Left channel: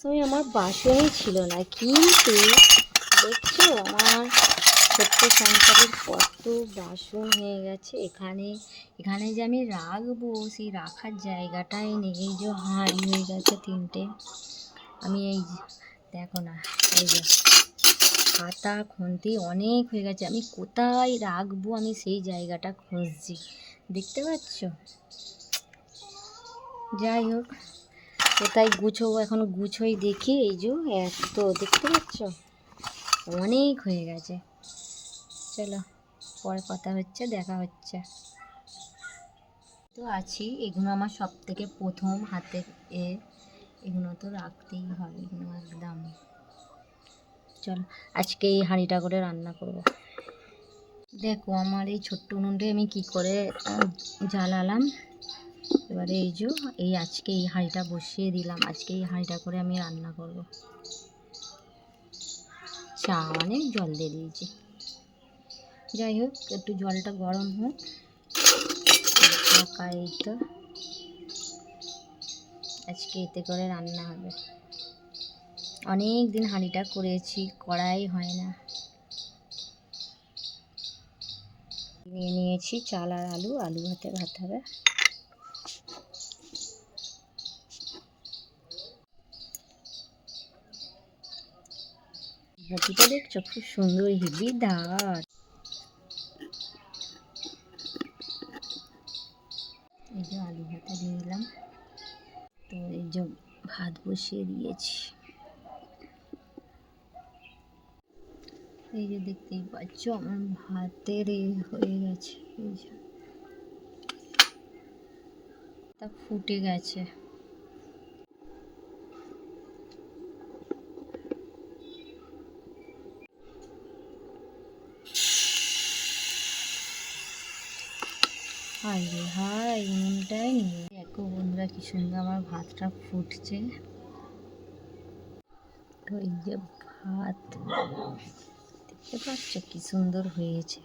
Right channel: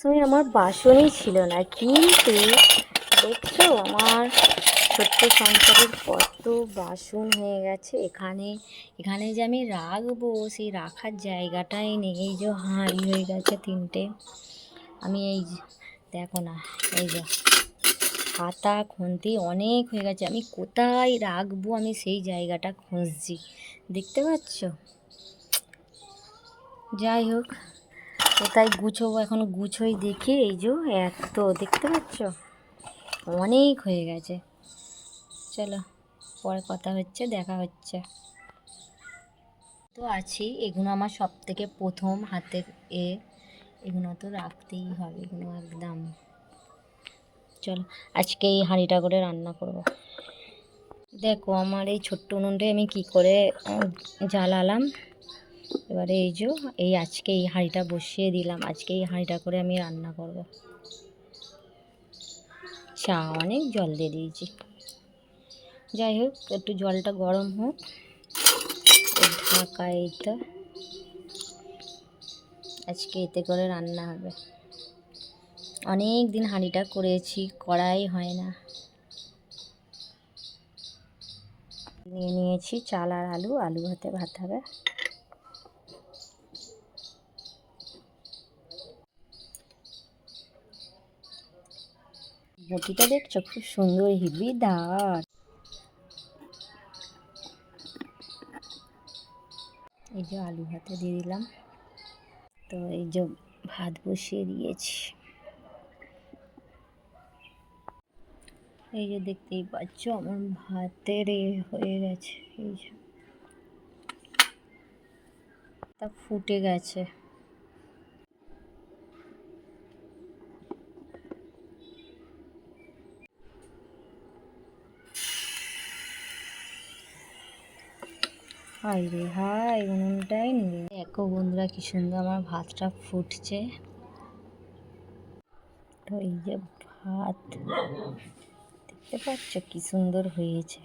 একসময় আমার বাসনই ছিল না, কিন্তু দেখছো আমার ছোট্ট সংসারের কত বাসন হয়ে গেছে। এখানে এখানে যে আমি রাখবো সেই রাখার জায়গাটাই নেই। এই যে হাঁড়ি হয়ে গেছে 3টে। আমি এই দেখো না, এই যে খাতা খুন্তি অনেক হয়ে গেছে, আমি কোথায় রাখবো আমি সেই জায়গাটা খুঁজছি, দেখতে পাচ্ছ। যাই হোক, কোথায় গুছোবো এখন, গুছোই দেখি। এই যে এত দেখতে পাচ্ছ অনেক হয়ে গেছে। চলো পরে কথা হচ্ছে, দেখা হচ্ছে। তো আছি, এগুলো আমার সব থেকে প্রথম হাতে এগুলো তো রাখতেই হবে, এগুলো একদম। চলো আজকে এই হাঁড়িটা করে রান্না করব। দেখো আমার এই ছোট্ট উনুনটাই আমি কি করে জ্বালালাম। এবারে এই যে আজকে এই হাঁড়িটা বসিয়ে দিলাম, আজকে এই হাঁড়িটা করে আমি রান্না করব। চা অনেক জল দিয়ে দিয়েছি। যাই হোক, একটু জলটা গরম হোক, ঢাকা। এই তো আজকে এতে করে রান্না হবে। অনেক দিন হাঁড়িটা করেছি, করাই হয় না। নিয়ে নিয়েছি চাল আর আলু, আলু ভাতে ভাত হবে। বটিটা দেখছো খুব সুন্দর হেভি ধার। এই যে আলু ভাতে দিয়ে দিলাম। তো এই যে ভাত বসিয়ে দিয়েছি। এই যে দেখতেই পাচ্ছ আমার ভাতের হয়ে গেছে, এই যে তা ফুটে গেছে। হাই রে হাই, উনুনটাই নিয়ে দেখো বন্ধুরা কি সুন্দর আমার ভাতটা ফুটছে। তো এই যে ভাত দেখতে পাচ্ছ কি সুন্দর হয়েছে।